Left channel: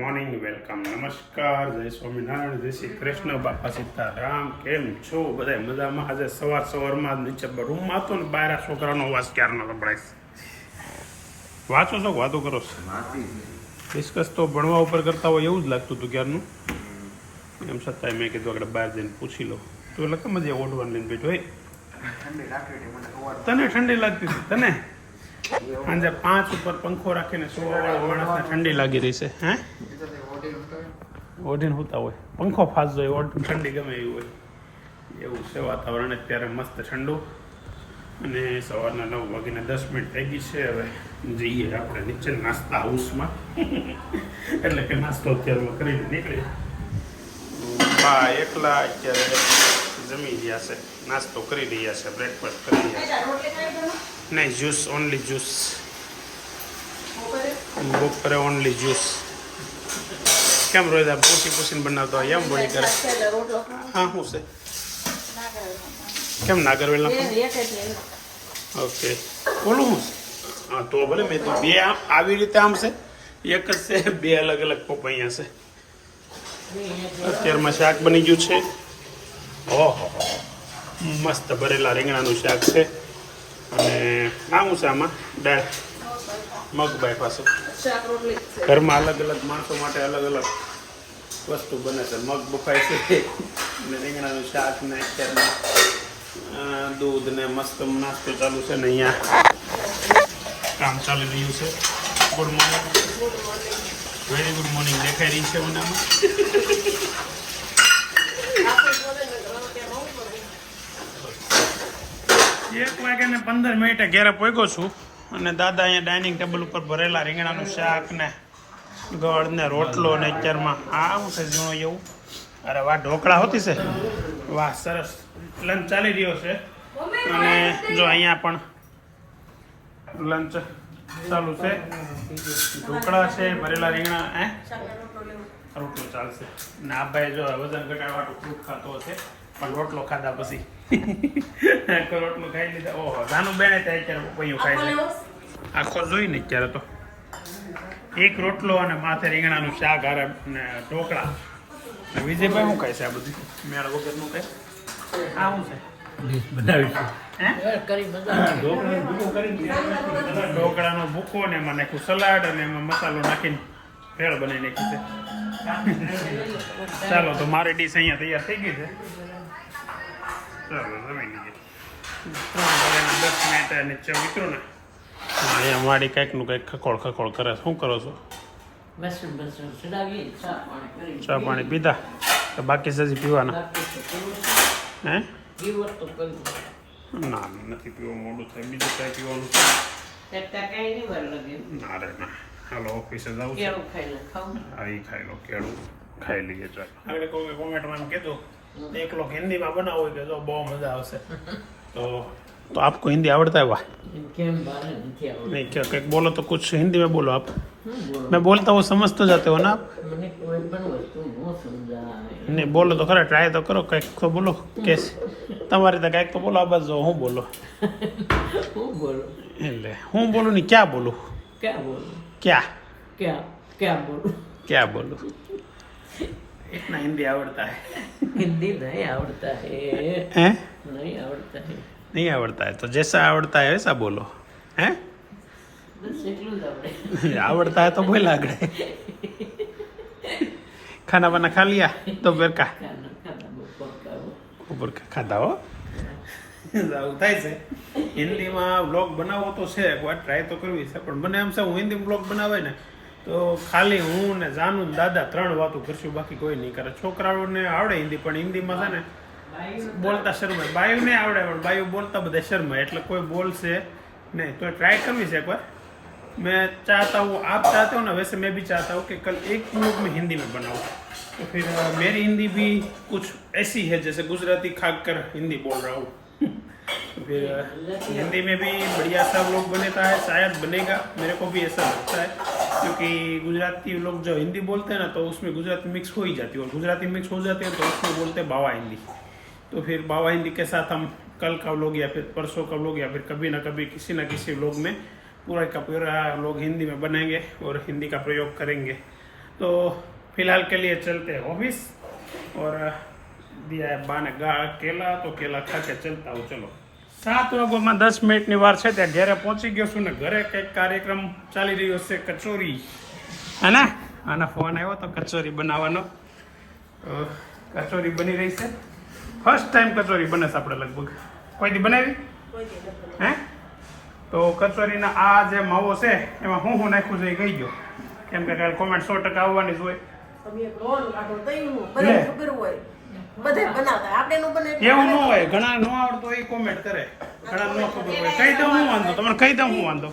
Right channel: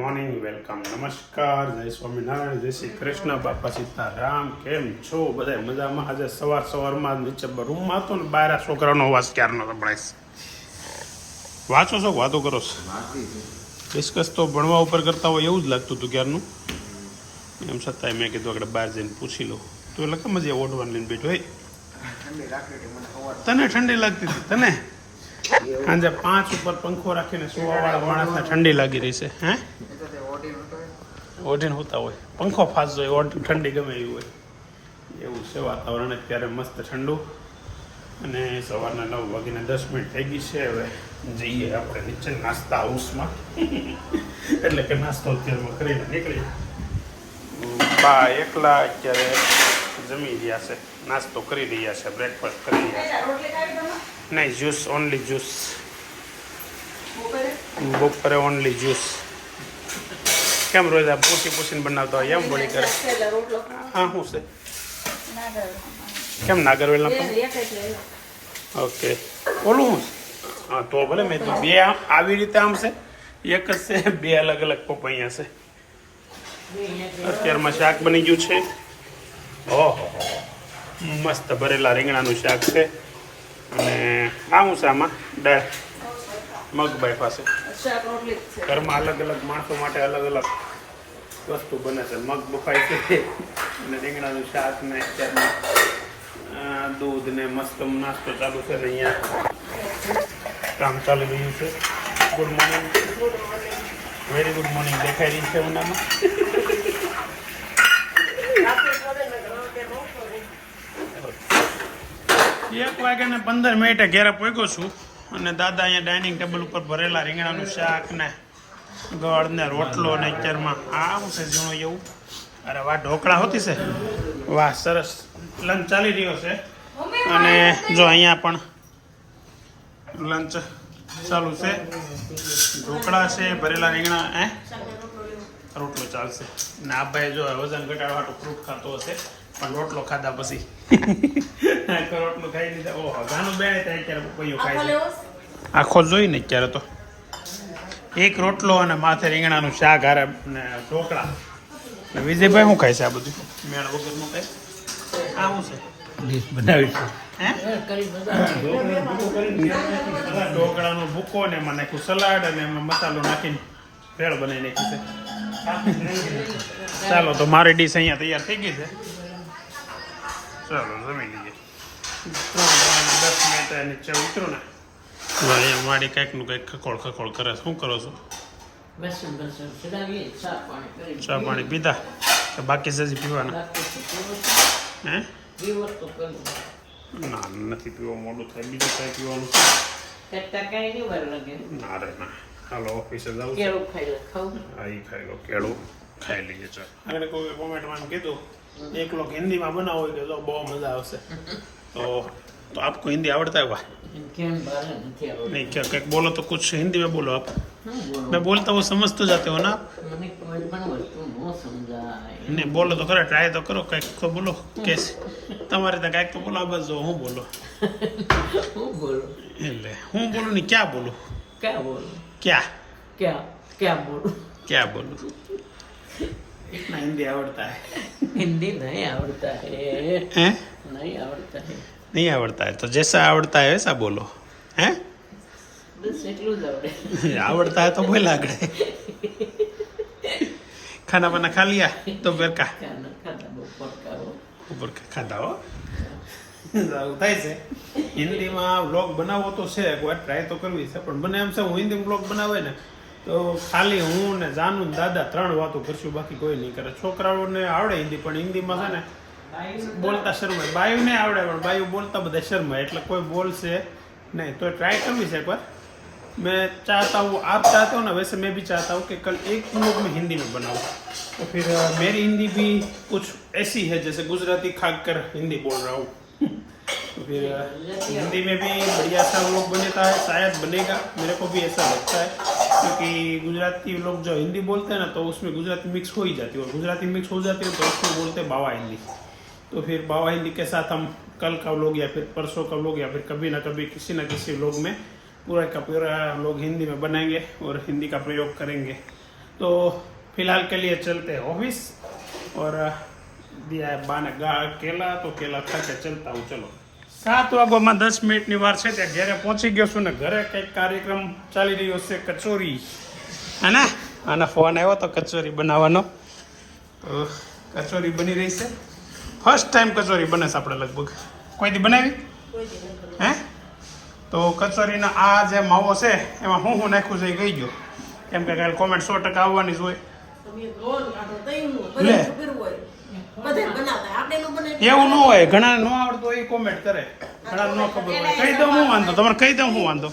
Morning, welcome, નમસ્કાર, જય સ્વામિનારાયણ, જય શ્રી કૃષ્ણ, બાપા સીતારામ. કેમ છો બધા? મજામાં? આજે સવારમાં નીચે રૂમમાં હતો ને, બહાર છોકરાનો અવાજ ક્યારનો સંભળાય. વાંચો છો, વાતો કરો છો? ડિસ્કસ તો ભણવા ઉપર કરતા હોય એવું જ લાગતું હતું ક્યારનું. એમ છતાંય મેં કીધું આગળ બહાર જઈને પૂછી લો. તો એટલે કેમ જ ઓઢવાનું લઈને બેઠો હોય? તને ઠંડી લાગતી હતી? તને સાંજે 5 ઉપર પંખો રાખીને સુવાવાળા માણસને ઠંડી લાગી રહી છે. હે ઓઢીને હોતા હોય, પંખો ફાસ હોય, ઓઢી ઠંડી ગમે એવી હોય. એવું છે વાતાવરણ અત્યારે, મસ્ત ઠંડુ. અને સવારના 9 વાગીને 10 મિનિટ થઈ ગઈ છે. હવે જઈએ આપણે નીચે નાસ્તા હાઉસમાં. એટલે કે નાસ્તો અત્યારે કરીને નીકળીએ. બા એકલા અત્યારે જમી રહ્યા છે, નાસ્તો કરી રહ્યા છે, બ્રેકફાસ્ટ કરી રહ્યા છે. નહીં, જ્યુસ, ઓનલી જ્યુસ. બપોરે ઓનલી જ્યુસ. કેમ રોજ આ પૂછીને બનાવતો હોય એમ બોલી કરે? હા, શું છે? કેમ નાગરવેલના પણ? ઓકે, બોલું હું? હા, તો ભલે. મેં તો બે આવી રીતે આમ છે, એક જ છે, બે અલગ અલગ પપૈયા છે. અત્યારમાં શાક બની ગયું છે. ઓહો, મસ્ત ભરેલા રીંગણાનું શાક છે. અને આવું છે આમાં દાળ મગબાઈ પાસે. ઘરમાં અલગ અલગ માણસો માટે અલગ અલગ વસ્તુ બને છે. મગ બફાય છે અને રીંગણાનું શાક ને અત્યારમાં દૂધ ને મસ્ત નાસ્તો ચાલુ છે ને અહીંયા કામ ચાલી રહ્યું છે. Good morning, very good morning દેખાઈ રહી છે ઉનામાં. 1:15 ઘેરે પહોંચ્યો છું. અને દાદા અહીંયા ડાઇનિંગ ટેબલ ઉપર ભરેલા રીંગણાનું શાક ને ગળ ને રોટલો ને અત્યારમાં આ શું છે ઝીણો એવું? અરે વાહ, ઢોકળા હોતી છે. વાહ, સરસ લંચ ચાલી રહ્યો છે. અને જો અહીંયા પણ લંચ ચાલુ છે. ઢોકળા છે, ભરેલા રીંગણા, રોટલો ચાલશે. ને આ ભાઈ જો વજન ઘટાડવાનું ફ્રૂટ ખાતો હશે, પણ રોટલો ખાધા પછી રોટલો ખાઈ લીધા. ઓહો, જાનું બેને ત્યાં અત્યારે પપૈયું ખાય છે. આખો જોઈ ને અત્યારે તો એક રોટલો અને માથે રીંગણાનું શાક હારે ને ઢોકળા. ને વિજયભાઈ શું ખાય છે આ બધું મેળ વગરનું ખાય? આ શું છે? ઢોકળાનો ભૂકો ને એમાં નાખ્યું સલાડ અને એમાં મસાલો નાખીને ભેળ બનાવી નાખી છે. ચાલો, તો મારી ડીશ અહીંયા તૈયાર થઈ ગઈ છે. ચાલો જમી લઈએ. 10 મિનિટ નીચે ઉતરો ને. અહીંયા મારી કંઈકનું કંઈક ખખોળ કરે. શું કરો છો? ચા પાણી પીધા કે બાકી છે હજી પીવાના? હે, ના નથી પીવો, મોડું થાય. બીજું કાંઈ પીવાનું છે? ના રે ના. હાલો, ઓફિસે જાઉં છે. હા, એ ખાઈ લો, કેળું ખાઈ લઈએ. ચાલ, આગળ કોઈ કોમેન્ટમાં કીધું एक लोग हिंदी में बना हुआ है तो बहुत मजा आवશે. तो आपको हिंदी आवड़ता है? वाह, नहीं क्या क्या बोलो तो कुछ हिंदी में बोलो आप. मैं बोलता हूँ समझ तो जाते हो ना आप? नहीं बोलो तो खरा, ट्राई तो करो, કંઈક તો બોલો. कैसे તમારે તો કંઈક તો બોલો. આ બાજુ હું બોલો એટલે હું બોલું નહીં, ક્યાં બોલું? क्या बोलूं? इतना हिंदी आवड़ता है? हिंदी नहीं आवड़ता है. हैं? नहीं आवड़ता है. नहीं आवड़ता है तो जैसा आवड़ता है वैसा बोलो. हैं? बस એટલું જ આવડે. आवड़ता है तो बोला आगड़े. खाना वाना खा लिया? दोपहर का ऊपर का खाधा हो? થાય છે. હિન્દીમાં વ્લોગ બનાવવો તો છે, એકવાર ટ્રાય તો કરવી છે. પણ મને એમ છે હું હિન્દી વ્લોગ બનાવે ને તો ખાલી હું ને જાનુ ને દાદા 3 વાતો કરશું, બાકી કોઈ નહીં કરે. છોકરાઓને આવડે હિન્દી, પણ હિન્દીમાં છે ને બોલતા શરમાય. બાયુને આવડે પણ બાયુ બોલતા બધા શરમાય, એટલે કોઈ બોલશે नहीं. तो ट्राई करनी है एक बार. मैं चाहता हूँ, आप चाहते हो ना, वैसे मैं भी चाहता हूँ कि कल एक व्लॉग में हिंदी में बनाऊँ. तो फिर मेरी हिंदी भी कुछ ऐसी है जैसे गुजराती खाकर हिंदी बोल रहा हूँ. तो फिर हिंदी में भी बढ़िया सा व्लॉग बनता है, शायद बनेगा, मेरे को भी ऐसा लगता है. क्योंकि गुजराती लोग जो हिंदी बोलते हैं ना, तो उसमें गुजराती मिक्स हो ही जाती है, और गुजराती मिक्स हो जाती है तो उसको बोलते हैं बावा हिंदी. तो फिर बावा हिंदी के साथ हम कल का व्लॉग या फिर परसों का व्लॉग या फिर कभी ना कभी किसी ना किसी व्लॉग में पूरा का पूरा लोग हिंदी में बनाएंगे और हिंदी का प्रयोग करेंगे. तो फिलहाल के लिए चलते हैं ऑफिस और दिया है बाने केला तो केला खा के चलता हूँ चलो 7 વાગ્યામાં 10 મિનિટની વાર છે ત્યાં ઘરે પહોંચી ગયો છું ને ઘરે કંઈક કાર્યક્રમ ચાલી રહ્યો છે કચોરી હે ને આના ફોન આવ્યો તો કચોરી બનાવવાનો તો કચોરી બની રહી છે ફર્સ્ટ ટાઈમ કચોરી બને છે આપણે લગભગ કોઈ દી બનાવી હે તો કચોરીના આ જે માવો છે એમાં હું નાખ્યું છે એ કહી ગયો કેમ કે કાલે કોમેન્ટ 100% આવવાની જ હોય એવું ન હોય ઘણા ન આવડતું હોય એ કોમેન્ટ કરે ઘણા ન ખબર હોય કહી દઉં હું વાંધો તમારે કહી દઉં હું વાંધો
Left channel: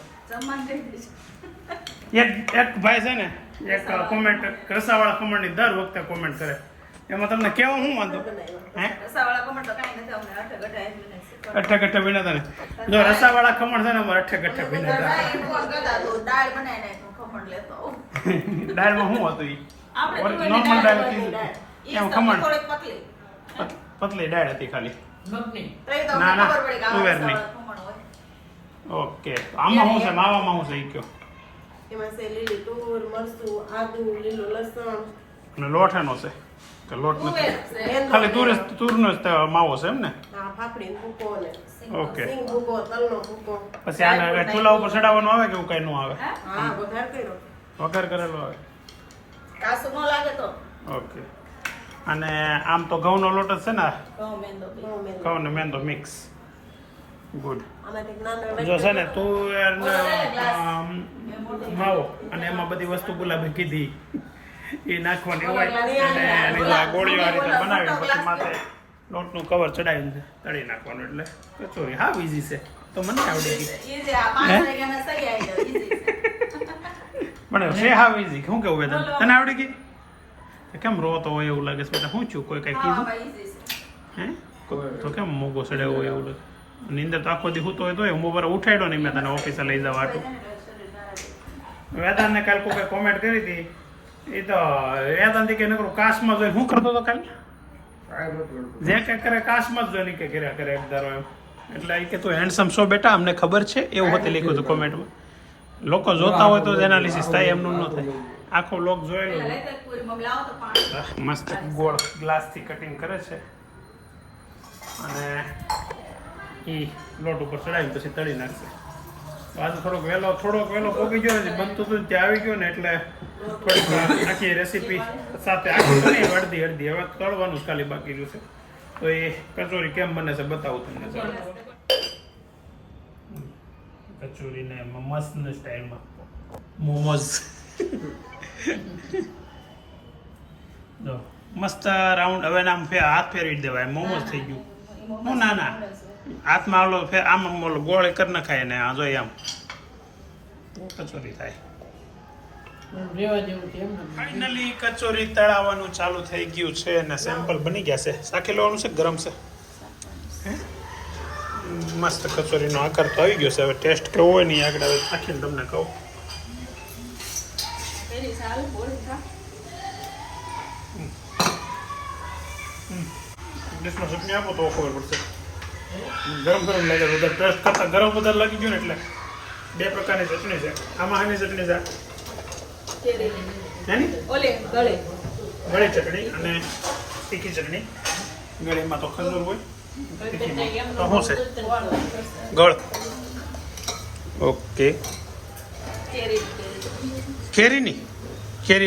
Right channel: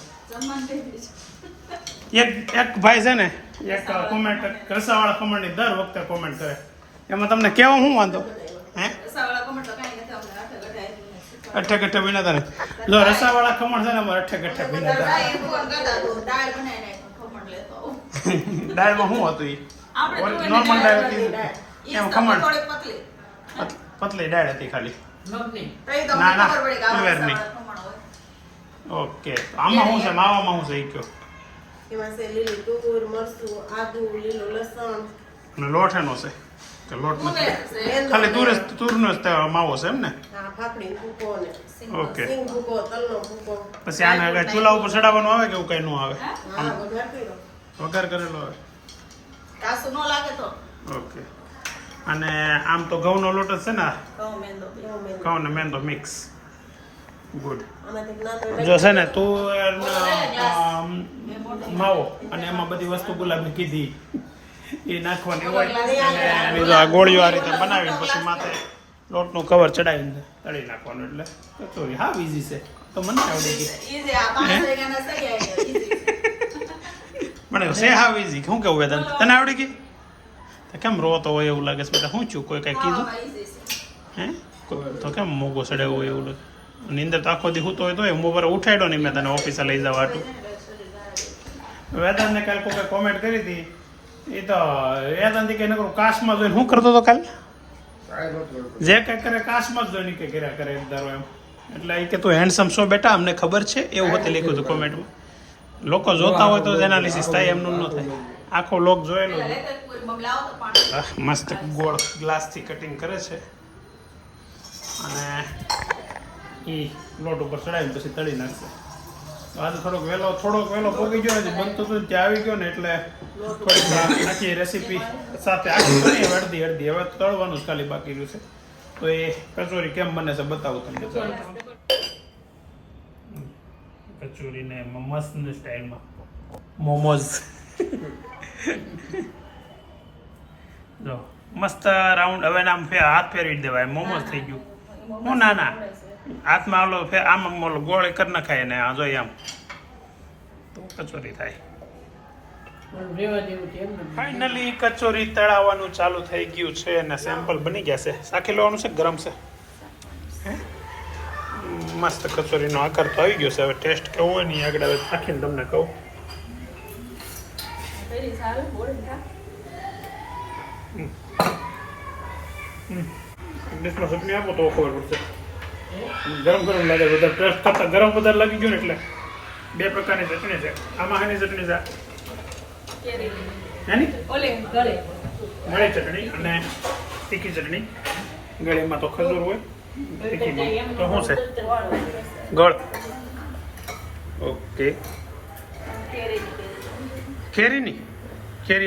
એક ભાઈ છે ને એક કોમેન્ટ રસાવાળા ખમણની દર વખતે કોમેન્ટ કરે એમાં તમને કેવું હું વાંધો હે અઠ્ઠે ગઠ્ઠે વિનાતા ને જો રસાવાળા ખમણ છે ને અમારે અઠ્ઠે ગઠ્ઠે વિનાતા દાળમાં શું હતું એ નોર્મલ દાળ હતી એમ ખમણ પતલી દાળ હતી ખાલી ના ના તુવેરની ઓકે તો આમાં શું છે માવામાં શું છે એ કયો એમાં છે લીલી તુર મરચું આદુ લીલું લસણ અને લોટ એનો છે કે લોટ નથી ખાલી તુરનો જ માવો છે એમ ને ફાફડી ભૂકો ને ઓકે સિંગ ભૂકો તલનો ભૂકો પછી આને ચૂલા ઉપર ચડાવવાનું આવે કે એવું કઈ ન આવે વઘાર કર્યો વઘાર કરેલો આવે કાસુ ન લાગે તો ઓકે અને આમ તો ઘઉંનો લોટ જ છે ને ઘઉં ઘઉં ને મેંદો મિક્સ ગુડ આનાથી નાનો જો છે ને તુવેરના માવો અને એમાં બધી વસ્તુ ગુલાબી કીધી એ નાખવાની હોય અને એની જો આ ગોળીઓ આ રીતે બનાવીને પછી માથે લોટનું કવર ચડાવીને તળી નાખવાનું એટલે કચોરી હા ઈઝી છે તો મને આવડે ગઈ મને છે હા ઈઝી શું કેવું વેદાંત તને આવડી ગઈ તો કેમ રોતો હોય એવું લાગે છે બેટા શું છું કોઈ કાંઈ કીધું હે તો કેમ મોગો સડ્યો હોય એવું લાગે નીંદર તો આખો દી સૂતો હોય તો હું બરાબર ઉઠાડ્યો નહીં મેં તને ઓફિસે લઈ જવા આટું વેદાંતને કાલ કોઈ કોમેન્ટ કરી હતી એ તો વેદાંત કે નકરું કાશમાં જોઈને શું કરતો હતો કાલ જે કંઈ કરે કાશમાં જ જોઈને કે કર્યા કરે એક ધારો એમ એટલે એ કે તું હેન્ડસમ છો બેટા અમને ખબર છે એવું હોતે લખ્યું હતું કોમેન્ટમાં લોકો જોતા હોય તો જ એનાલિસિસ થાય એમનું ન થાય આખો લોક જોયેલો છે મસ્ત ગોળ ગ્લાસથી કટિંગ કરે છે અને એ લોટ ઉપર ચડાવીને પછી તળી નાખશે આજે થોડોક વહેલો પોગી ગયો નથી બનતું હતું ત્યાં આવી ગયો ને એટલે થોડીક આખી રેસીપી સાથે આખી તો નહીં અડધી હવે તળવાનું જ ખાલી બાકી રહ્યું છે તો એ કચોરી કેમ બને છે બતાવું તમને કચોરીને મસ્ત સ્ટાઇલમાં મોમોઝ જો મસ્ત રાઉન્ડ હવે આમ હાથ ફેરવી દેવાય મોમોઝ થઈ ગયું હું ના હાથમાં ઓલો આમ ઓલો ગોળ કરી નખાય ને આ જોઈએ આમ તો કચોરી થાય ફાઇનલી કચોરી તળાવવાનું ચાલુ થઈ ગયું છે અને સેમ્પલ બની ગયા છે શાખી લેવાનું છે ગરમ છે હે મસ્ત કચોરીનો આકાર તો આવી ગયો છે હવે ટેસ્ટ કેવો હોય નહીં આગળ હવે ચાખીને તમને કહું ડિશમાં ચટણી આપો તો ખબર પડશે ગરમ લાગે વધારે ટેસ્ટ કરતા ગરમ વધારે લાગી ગયું ને એટલે 2 પ્રકારની ચટણી છે આમાં આની ચટણી છે નાની ગળી ચટણી અને તીખી ચટણી ગળીમાં તો ખજૂર હોય તીખીમાં તો શું છે ગળ ઓકે કેરી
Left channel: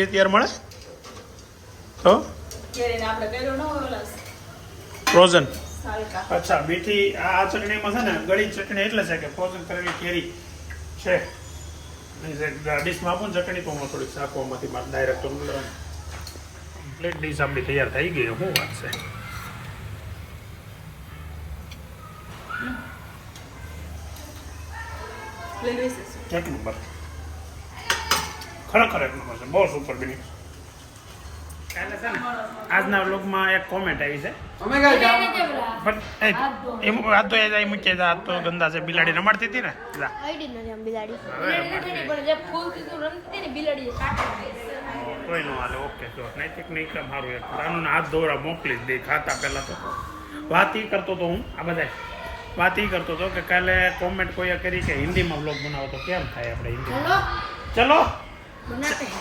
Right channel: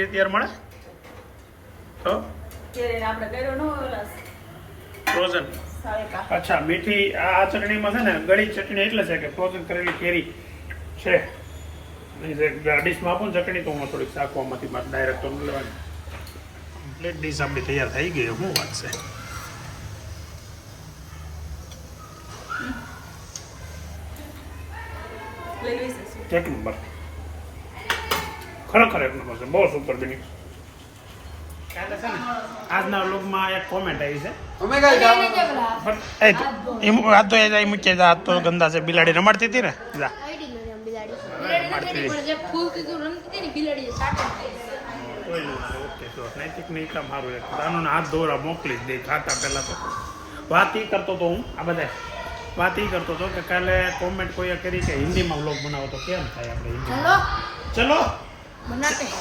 અત્યારે મળે તો ફ્રોઝન અચ્છા મીઠી આ ચટણીમાં છે ને ગળી ચટણી એટલે છે કે ફ્રોઝન કરેલી કેરી છે ડીશમાં આપો ને ચટણી તો હું થોડીક શાકવામાંથી ડાયરેક્ટ તો લેવાની કમ્પ્લીટ ડીશ આપણી તૈયાર થઈ ગઈ શું વાત છે એક નંબર ખરેખર એક નંબર છે બહુ સુપર બની આજના વ્લોગમાં એક કોમેન્ટ આવી છે આ તો ગંદા છે બિલાડી રમાડતી હતી ને ઓકે તો નૈતિક નહીં કામ સારું એક રાનું હાથ ધોરા મોકલી જ દે ખાતા પહેલા તો વાત એ કરતો હતો હું આ બધા વાત એ કરતો હતો કે કાલે કોમેન્ટ કોઈએ કરી કે હિન્દીમાં વ્લોગ બનાવો તો કેમ થાય આપણે હિન્દીમાં ચલો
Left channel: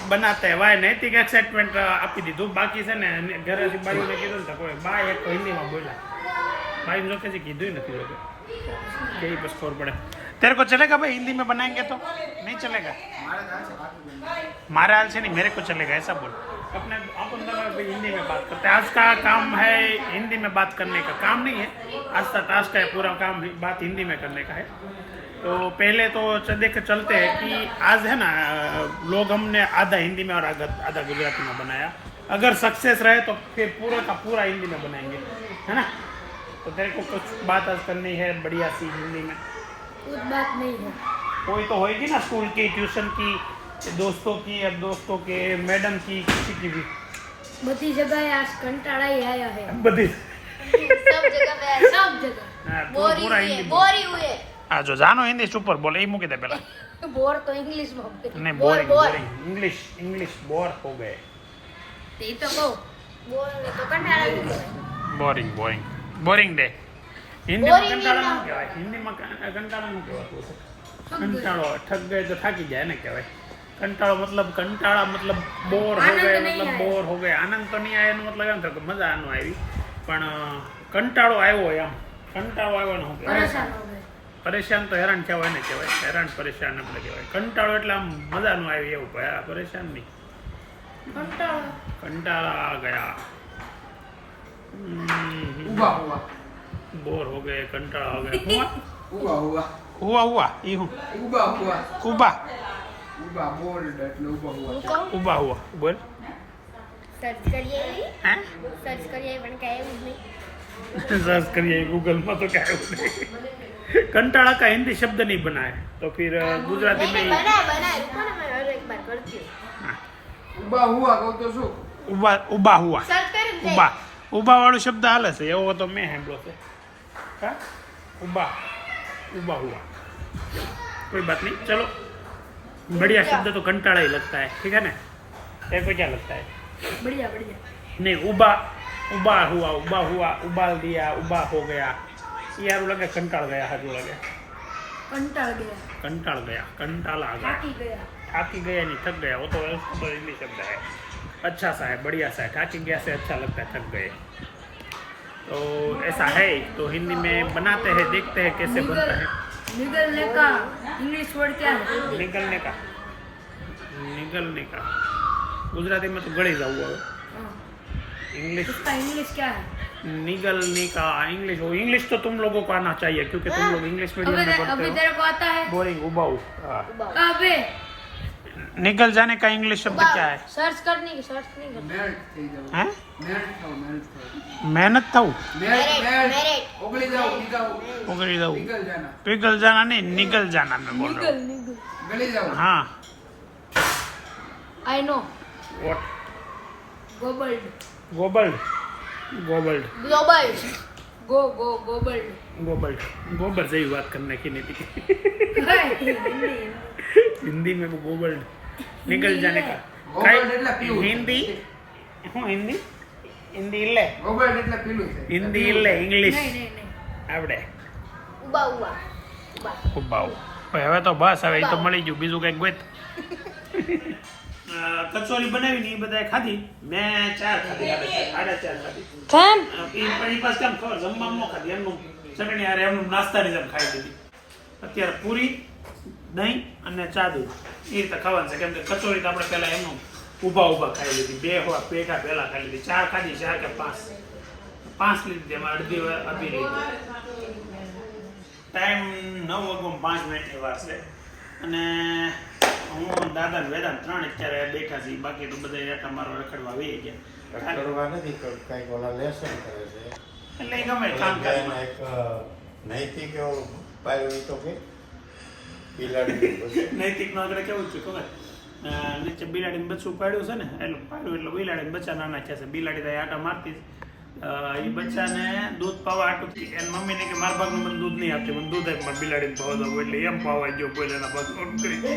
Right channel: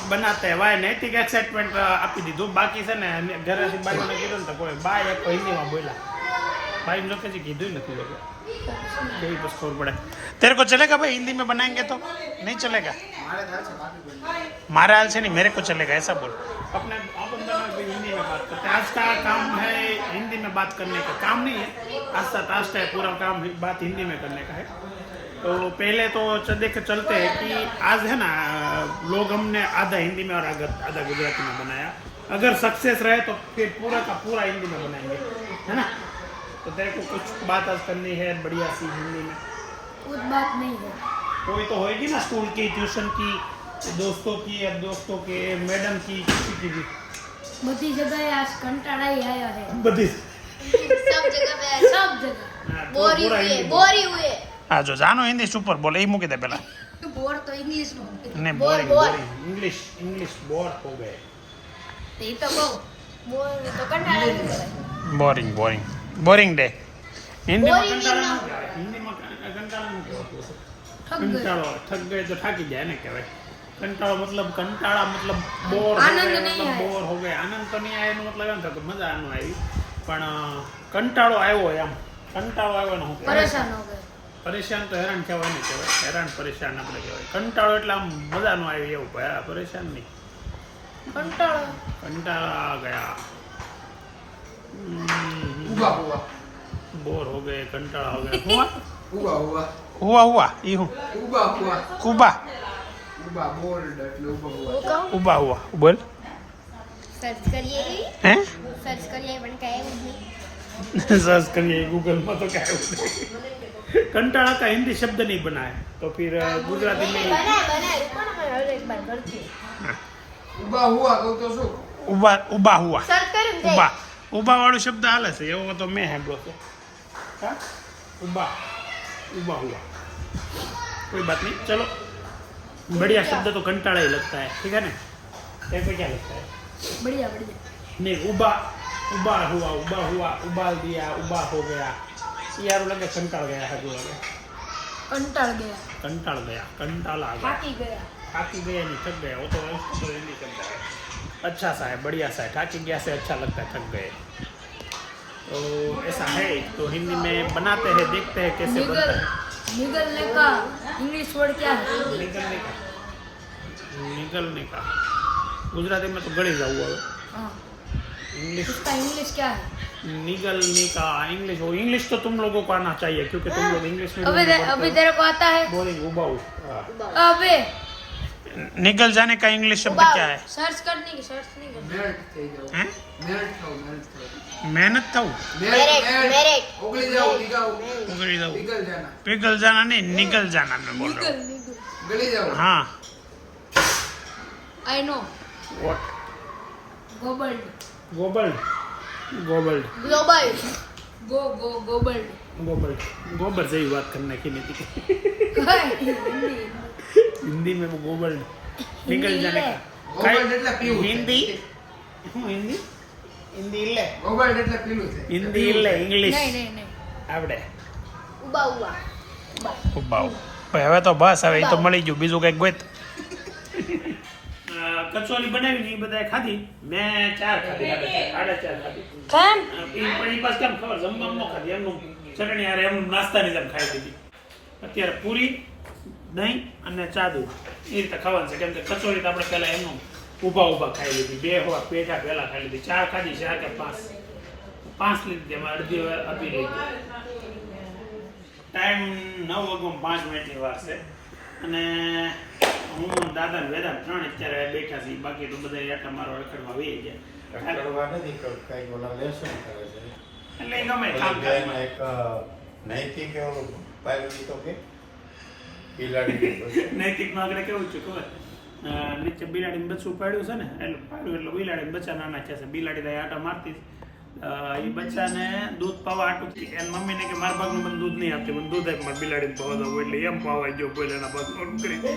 બનાતે વાય નૈતિક એક્સાइटमेंट આપી દીધું બાકી છે ને ઘરેથી બાઈઓને કીધું ને તો કોઈ બા એક તો હિન્દીમાં બોલ્યા भाई लोग कैसे कीधुं नहीं लोग यही बस खबर पड़े तेरे को चलेगा भाई हिंदी में बनाएंगे तो नहीं चलेगा हमारे हाल से नहीं मेरे को चलेगा ऐसा बोल अपने अपन दोनों भाई हिंदी में बात करते हैं आज का काम है हिंदी में बात करने का काम नहीं है आज का टास्क है पूरा काम बात हिंदी में करने का है तो पहले तो देख चलते हैं कि आज है ना लोग हमने आधा हिंदी में और आधा गुजराती में बनाया अगर सक्सेस रहे तो फिर पूरा का पूरा हिंदी में बनाएंगे है ना तो तेरे को कुछ बात आज करनी है बढ़िया सी हिंदी में कुछ बात नहीं है कोई तो होएगी ना स्कूल की ट्यूशन की दोस्तों की अब दोस्तों के मैडम की किसी की भी बड़ी जगह आज कंटाड़ा ही आया है बधी सब जगह हाँ, तो पूरा हिंदी बोल। बोरी हुए हाँ जो जानो हिंदी सुपर बोले ही मूकी दे पहला बोर तो इंग्लिश में नहीं बोरिंग बोरिंग इंग्लिश बोर हो गए ये तो कहूँ बोर तो कंटाड़ा ही है boring boring boring day Hindi में Boring कंटाळा नहीं। નું કહેવાય हिंदी में कंटाळा નું કહેવાતું હશે थक गए। કંટાળો ઠગ ગए तो થાકી જાય ને કહેવાય કંટાળો मतलब કંટાળા मतलब બોર हो आनंद गए नहीं मतलब आया। બોર हो गए આનંદ તો નહીં આયો એનો મતલબ એમ થાય કે મજા ન આવી પણ કંટાળો આવ્યો એમ કંટાળો આવ્યો ને હું કહેવાય परेशान हो गए પરેશાન તો હેરાન કહેવાય ને કહેવાય હેરાન પરેશાન આપણે કહેવાય કંટાળો એટલે આમ મજા ન આવી એવું ભાઈ પરેશાન નહીં कंटाड़ा कंटाळा आ गया हुआ हुआ बोर हो गए कंटाळा हो गया हुआ हुआ हुआ हुआ हुआ ये हूँ उबा हुआ उबा उबा बोर्ड એટલે ઉભા હુઆ उबा हुआ बोल सर्च करिए हैं सर्च करिए पण काय नहीं सर्च करिए गूगल में तो क्या है वो नहीं कंटाळा का हिंदी शब्द नहीं बना है तो फिर गुजराती में ही बनाए रुको ना मैं और एक बार करती हूँ हाँ, ઉભા હુઆ કહું તો શું उबा उबा हुआ सर्च कर उबा उबा वाળો शब्द हाले છે એવો તો મેં સાંભળ્યો છે हाँ उबा उबा हुआ कोई बात नहीं चलो बढ़िया शब्द तो कंटाळा ही लगता है ठीक है ना तेरे को क्या लगता है बढ़िया बढ़िया नहीं उबा उबा हुआ उबाल दिया उबा हो गया यार लगे कंटाळ गया हजू लगे कंटाड़ गया कंटाळ गया कंटाल आ गया थाकी गया थाकी गया नहीं थक गया वो तो हिंदी शब्द है अच्छा सा है बढ़िया सा है थाकी गया से अच्छा लगता है थक गए तो ऐसा है तो हिंदी में बनाते हैं देखते हैं कैसे बनता है निगलने का इंग्लिश वर्ड क्या है निगलने का गुजराती में तो गળી जाऊँ હવે हाँ इंग्लिश इसका इंग्लिश क्या है निगलने का इंग्लिश हो इंग्लिश तो तुम लोगों को आना चाहिए क्योंकि तुम लोग इंग्लिश मीडियम में पढ़ते अभी हो तेरे को आता है बोरिंग उबाऊ अबे निकल जाने का इंग्लिश शब्द क्या है सर्च करने की सर्च नहीं करनी મેલ્ટ થઈ જાવ हैं મેલ્ટ થાવ मेहनत था મેલ્ટ ઓગળી જાવ पिघल પીગળ જાના जाना नहीं निकल जाना मैं बोल रहा हूँ ગળી જાવ हाँ आई नो व्हाट गोबल्ड गोबल्ड गोबल्ड ग्लोबल्ड गो गो गोबल्ड गोबल्ड गोबर से ही बात करने की नहीं थी हिंदी हिंदी में वो गोबल्ड निकल जाने का गोबल्ड એટલે પીવું हिंदी હું હિન્દી હિન્દી ઇલ્લે ગોબલ્ડ એટલે પીલું છે હિન્દી ઇલ્લે ઇંગ્લિશ नहीं नहीं नहीं આવડે उबा हुआ उबा ઉબાઉ હવે તો બસ હવે એ તો મળી ગયું બીજું કંઈક ગોત કચોરી બનાવી ને એ બધાએ ખાધી મેં 4 ખાધી 4.5 ખાધી કેમ એ પછી પાસ કેમ ખબર જમવામાં ન ખાધી એમનું ચટણી યાર એમનું નાસ્તાની જેમ ખાઈ દીધી અત્યારે પૂરી દહીં અને ચા દૂધ એ રીતે ખાવાનું છે કેમ કે કચોરી તો આપણે પહેલા એમનું ઊભા ખાઈ લીધી 2 હોવા પેટા પહેલા ખાઈ લીધી 4 ખાધી 4 કે 5 લીધી એમાં અડધી લીધી ટાઈમ 9:05 વાર છે અને હું દાદા વેદાંત 3 અત્યારે બેઠા છીએ બાકી તો બધા આટા મારો રખડવા વહી ગયા ઘરમાં નથી કરતા કંઈક ઓલા લેસન કરે છે એટલે એ ગમે કામ કરે એમાં એક નૈતિક એવો પાડ્યો તો કે બિલાડી નૈતિક નો આગળ કેવું છે ખબર નીચે બિલાડીને બચ્ચું પાડ્યું છે ને એટલે પાડ્યું એટલે બિલાડીને બચ્ચા નાના છે બિલાડી તો આટા મારતી એ બચ્ચાને દૂધ પાવા આટું એની મમ્મીને કે મારા ભાગનું મને દૂધ નહીં આપતી મને દૂધ આપી મારે બિલાડીને પાવા દઉં એટલે એમ પાવા ગયો બોલે એના ભાગ કરી છે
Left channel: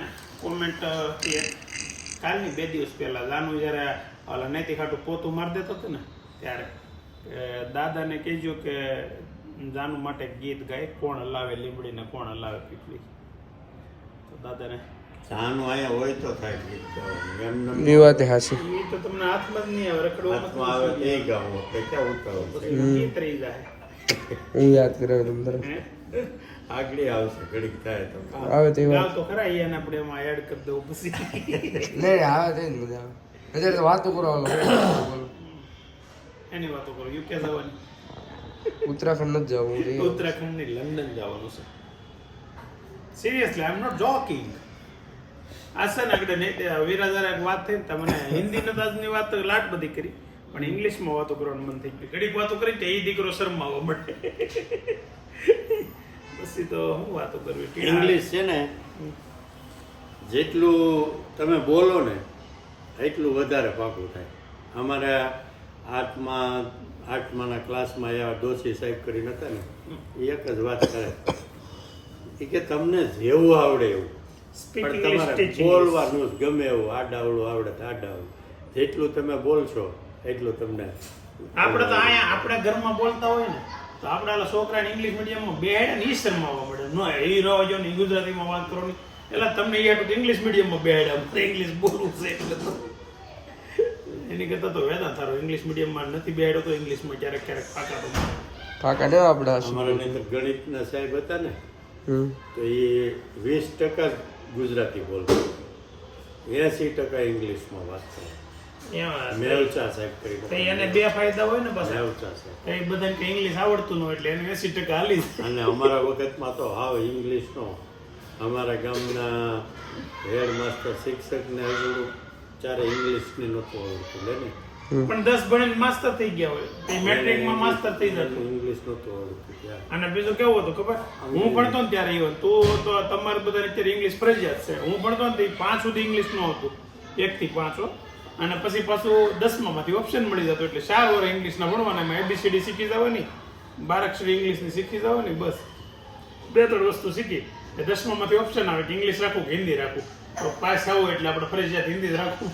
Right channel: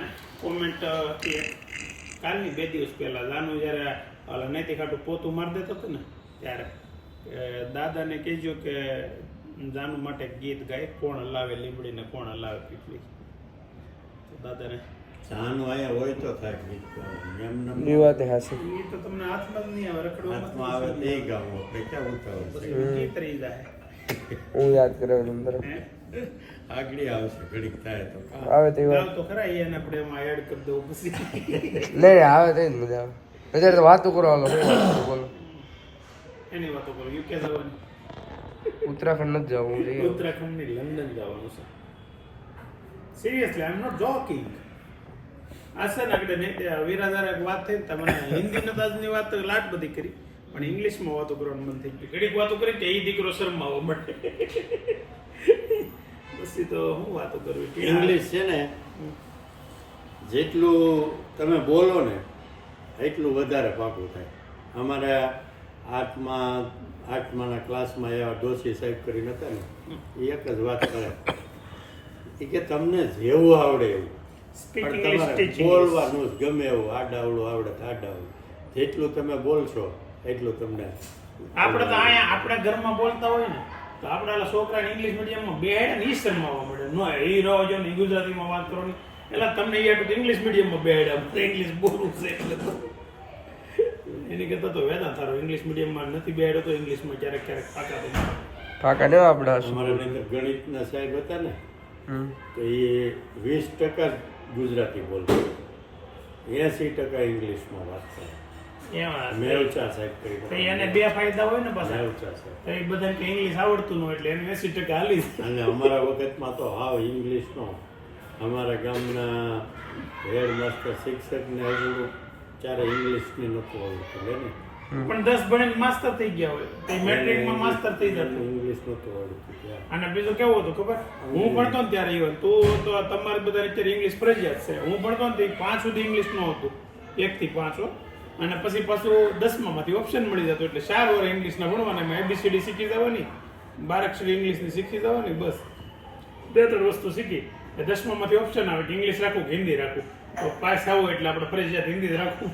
ને કોમેન્ટ કાલની 2 દિવસ પહેલા જાનું જ્યારે ઓલા નૈતિક આટું પોતું મારી દેતો હતો ને ત્યારે દાદાને કહેજો કે જાનુ માટે ગીત ગાય કોણ હલાવે લીમડીને કોણ હલાવે પીપળી તો દાદાને ચાનું અહીંયા હોય તો થાય ગીત તો એમ એ વાત હાસી. એ તો તમને હાથમાં જ નહીં આવે રખડવામાં હાથમાં આવે તે ગાવું આપણે ક્યાં ઉતાવળ છે? પછી ગીત રહી જાય એ યાદ કરે અંદર. આગળ આવશે ઘડીક થાય તો કામ. આવે તે ગાવ તો ખરા એને આપણે એમાં એડ કરી દઉં પછી લે આવે તે જ મજા આવે. અત્યારે તો વાતો કરો હાલો બોલો. એની વાતો કરો યુકે જવાની ઉત્તરાખંડ નથી જવું. ઉત્તરાખંડ ની લંડન જવાનું છે seriously I am not joking. આ છે ને આગળ વિરાજાર એક વાત થઈ તમને હિન્દી નતાજની વાત તો લાટ બધી કરી પણ ઇંગ્લિશમાં વાતો કરવાનું મન થઈ ગયું. ઘડીક વાતો કરી તો એ દીકરો શરમાવો મળે પછી તો હું વાતો કરવી. ઇંગ્લિશ છે ને જેટલું તમે બોલો ને એટલું વધારે પાકું થાય. અમારા આઠમાના ક્લાસમાં એવા ડોસી સાહેબ કરીને હતા ને એ એક જ વાત કરે એ કે તમને જેવું આવડે એવું Speak પણ English, તમારે teach English. બોલવાનું જ ગમે એવું આડાવડું આવડે તો આડાવડું જેટલું તમે બોલશો એટલું તમને આપણે તો અહીંયા આપણા ઘરમાં બોલતા હોય ને તો આપણા છોકરાને ઇંગ્લિશ મીડિયમમાં બેહાડે ને ઈ શરમાવા મળે નો એ રહો જો ને ગુજરાતીમાં વાત કરો ને એટલે તમને એ આટલું ઇંગ્લિશ મીડિયમમાં બેહાડે ઇંગ્લિશ બોલવું છે એટલે તો એની કરતા તો વેદાંત સારો ઇંગ્લિશ મીડિયમમાં નથી બેહાડ્યો તો ઇંગ્લિશમાં ક્યારેક ક્યારેક પાકા તો મારે. કાકા ને આપડા અમારા અંદર ગણિતના સાહેબ હતા ને હમ. તો એ 20% ગુજરાતી બોલતા 80% ઇંગ્લિશમાં વાત કરે. એમાં મેવચા સાહેબ કરી તો એને બે ફાયદા હોય ને પાછા મેવચા સાહેબ. તો એ બધાને કે ઇંગ્લિશ આવડતું ન હોય એટલે એને 80% હાલી જાય. અને અમારા વખતમાં તો હાવ ઇંગ્લિશનો અમારા ગામના હેડ માસ્ટર શિક્ષકને હજુ ચારે ઇંગ્લિશની નહોતું આવડતું લે ને પણ 10 ભણીને માસ્ટર થઈ ગયા હોય તો મેટ્રિકમાં માસ્ટર થઈ જતું. ઇંગ્લિશ નહોતું આવડતું ત્યાં. અને બીજું કેવું હતું ખબર હું ભણતો ને ત્યારે even તું તો તમારે બધા અત્યારે ઇંગ્લિશ ફરજિયાત છે. હું ભણતો ને 5 સુધી ઇંગ્લિશ ન હતું 1 થી 5 અને પછી પાછું 10મા માંથી ઓપ્શન મળી જતો એટલે 4 વર્ષ ઇંગ્લિશના ભણવાના એમાં ABCD શીખી જવાની 12 અક્ષર ઇંગ્લિશની શીખી જવાની બસ 2-3 વસ્તુ શીખી 10મા માંથી ઓપ્શન આવે કે ઇંગ્લિશ રાખવું કે હિન્દી રાખવું તો પાસ આવું એટલે આપણે ફરજિયાત હિન્દી જ રાખવું.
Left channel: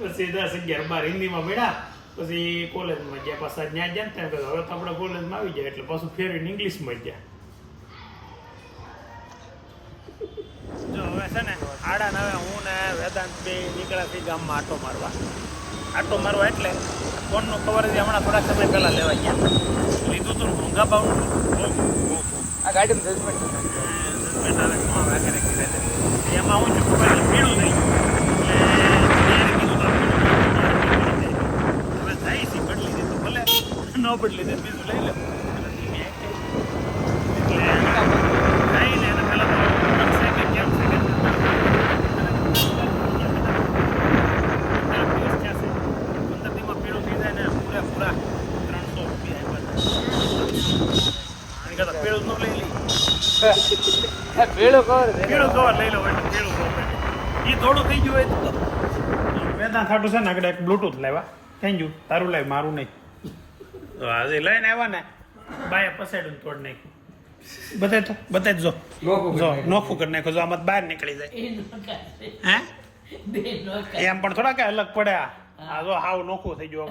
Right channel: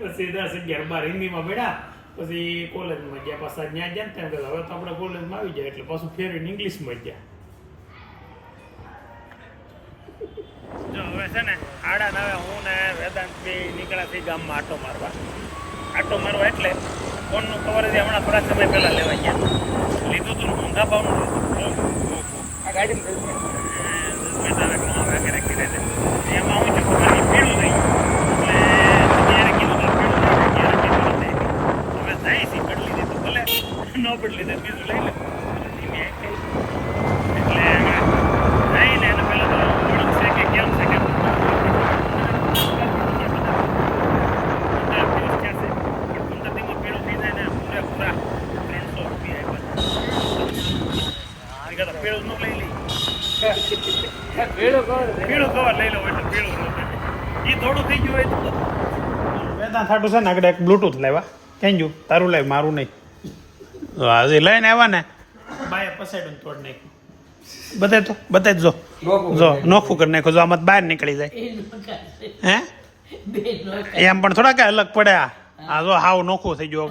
પછી 10, 11, 12 હિન્દીમાં ભણ્યા પછી કોલેજમાં ગયા પાછા ત્યાં ગયા ને હવે તો આપણે કોલેજમાં આવી જાય એટલે પાછું ફેરવીને ઇંગ્લિશમાં ગયા. જો હવે છે ને 8:30 હું ને વેદાંત બે નીકળ્યા થઈ ગામમાં આટો મારવા એટલે ફોનનું કવર હજી હમણાં થોડા સમય પહેલા લેવા ગયા લીધું તું મોંઘા ભાવનું આ ગાડી એમાં હું પોતાની પીળું થઈ એટલે કીધું હવે જાય છે બદલી દીધું ભલે ન બદલી દે બીજું લઈ લે એટલે જઈને એને પહેલા તો ગમશે કે કેમ છે કે પદ્ધતિમાં પીળું થઈ જાય ને પૂરા 300 રૂપિયા આની કરતા પીળું ન લઈ લઈ પીળું કવર લઈ લો એટલે પીળું કવર એ થોડું થઈ ગયું હોય તો વેદાંત ખાટું છે ને આગળ એક બ્લૂટૂથ લાવ્યા કેમ જો તારું લાવ મારું નહીં આજે લઈને આવ્યા ને બાય પસાડું તોડ નાખ્યું બતાય જો નોખું કરી નાખ્યું જો આમાં બહાર નીકળી જાય હે એમ પણ થોડા કઈ અલગ પડે આ જો હાવ નોખું થઈ ગયો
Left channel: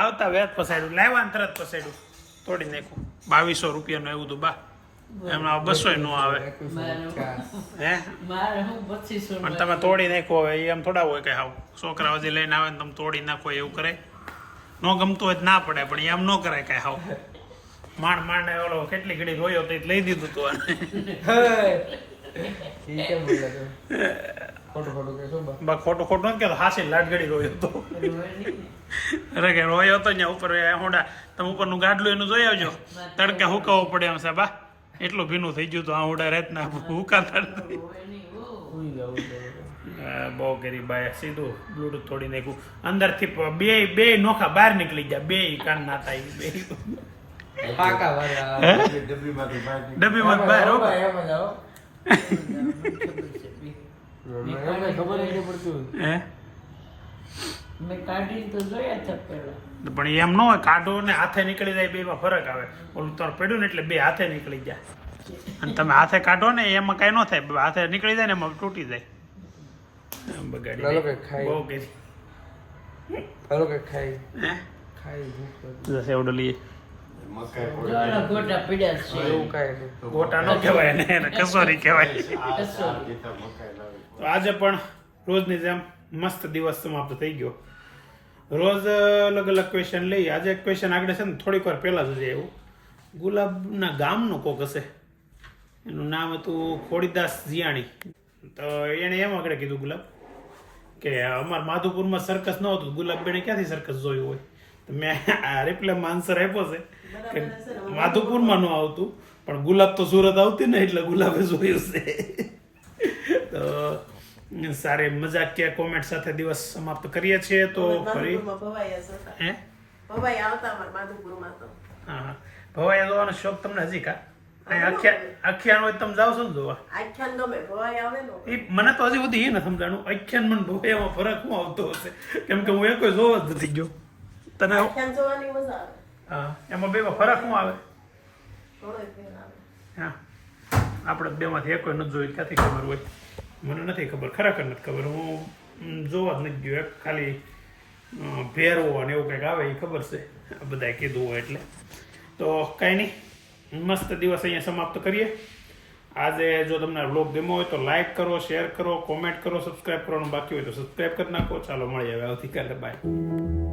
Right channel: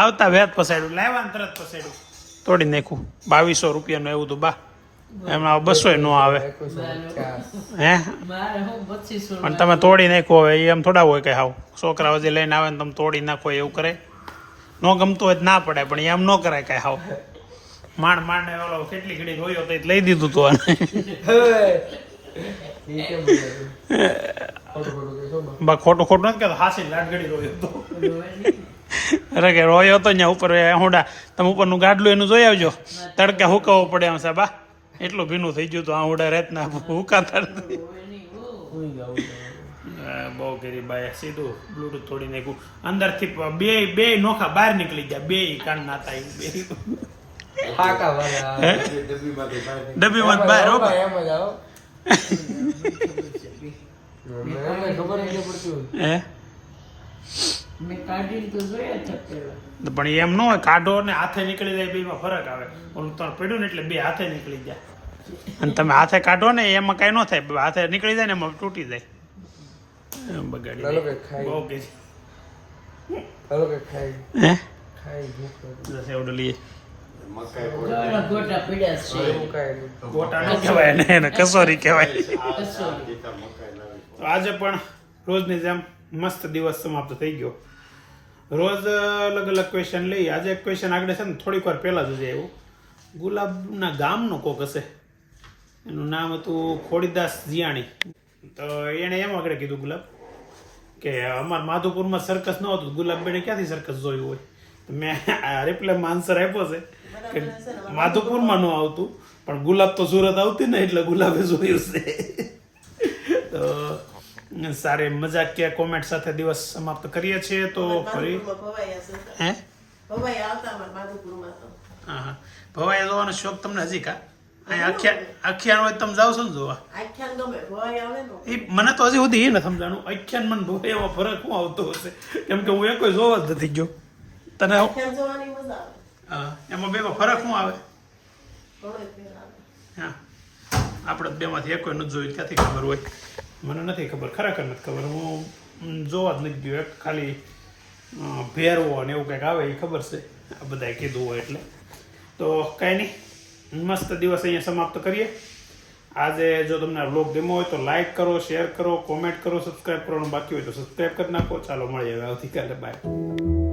આવતા વેત પસાડ્યું લાવ્યા ને તરત પસાડ્યું તોડી નાખ્યું 2200 રૂપિયાનું એવું તો બા એમાં 200 નો આવે હે પણ તમે તોડી નાખો હવે એમ થોડા હોય કે હાવ છોકરાઓ જે લઈને આવે ને તમે તોડી નાખો એવું કરે ન ગમતું હોય ના પડે પણ એમ ન કરાય કઈ હાવ માંડ ઓલો કેટલી ઘડી રોયો તો લઈ દીધું તું ખોટું નથી કહેતો હાસી લાટગડી રોયો તો અરે કે રોયો તો ત્યાં ઉપર હોડા તમે ઉપરનું ગાડલું એનું જોઈ આવજો તડકે હુકાવવો પડે એમ સાહેબ એટલું ભીનું થઈ ગયું તો હોડા રાતના હુકાતા બહુ ગરીબ બાય સીધું બ્લૂટૂથ તોડી નાખ્યું અંદરથી બે નોખા બહાર નીકળી ગયા બે કાન નાતા બે ડબ્બીમાં બહાર હો હે પણ એમ ન હોય કાઢો ને હાથે નીકળી જાય બેમાં ફરક આવે ઓલું તો પડ્યું ને એટલે બે હાથે નીકળી જાય અને તમે હાથે કાઢો ને એમાં કઈ ન થાય હાથે નીકળી જાય ને એમાં તૂટી જાય બગાડી દે બહુ કે હે એવડો લઈએ જોવાના ગોટા પીડ્યા છે ગોટા ન કહેવાય ને એને કસોરી કહેવાય. કસોરી. તો આજે પણ રોજની જેમ મસ્ત દિવસ સમાપ્ત થઈ ગયો. રોજ અલગ અલગ ક્વેશ્ચન લઈ. આજે એક ક્વેશ્ચન આગળ છે ને થોડીક વાર પહેલાં જ આવ્યું. ગુલાબના ગામનો કોક હશે, એનું નામ હતું ખોડીદાસ જીયાણી. તો એણે એમ આગળ કીધું ગુલાબ કે અમારા માધુપુરમાં સર્કસ ન હતું, ગુલાબબેને ક્યાંથી સર્કસ જોયું હોય? તો મેં આ રિપ્લાયમાં આન્સર આપ્યો છે કે માધુપુરમાં ન આવતું, પણ ગુલાબ તો સુરત આવતી ને એટલે ગુલાબે જોયું છે. તો સારી મજાકીય કોમેન્ટ સાથે દિવસ સમાપ્ત કરીએ છીએ. તો ફરી ભવાઈ હશે. હે ભવાઈ આવતા અમારા માધુપુરમાં તો. હા હા, ભવાઈ જોવાનો શોખ તમને હજી કા? અહીંયા આખ્યાન હોય તમે જાવ છો ને જોવા? આખ્યાન ગમે, ભવાઈ આવે ને. એ મને તો હજી સુધી એ નથી સમજાણું આખ્યાન મને ભવાઈ એવો ફરક શું આવતો હશે, કેમ કે હું કોઈ જોવા જ નથી ગયો. તને આખ્યાન જોવાની મજા આવે. હા, એમાં બેમાં ફરક શું આવે? ઘણો ફેર આવે. હા, આપણે બેમાંથી એકોય નથી જોયું, ત્યાંથી ખબર હોય. મને નથી ખબર, ખરેખર નથી ખબર. હું જોવા જ નથી ગયો. એક ખાલી ભેરવો અને એવું કંઈક આવે એ ખબર છે, આ બધાએ કીધું હોય એટલે. તો કાંઈ નહીં, મસ્ત દિવસ અહીંયા સમાપ્ત કરીએ. આજે જો તમને આ વ્લોગ ગમ્યો હોય તો લાઈક કરો, શેર કરો, કોમેન્ટ કરો, સબસ્ક્રાઈબ કરવાનું બાકી હોય તો સબસ્ક્રાઈબ કરી નાખો. ચાલો મળીએ હવે આવતીકાલે. બાય.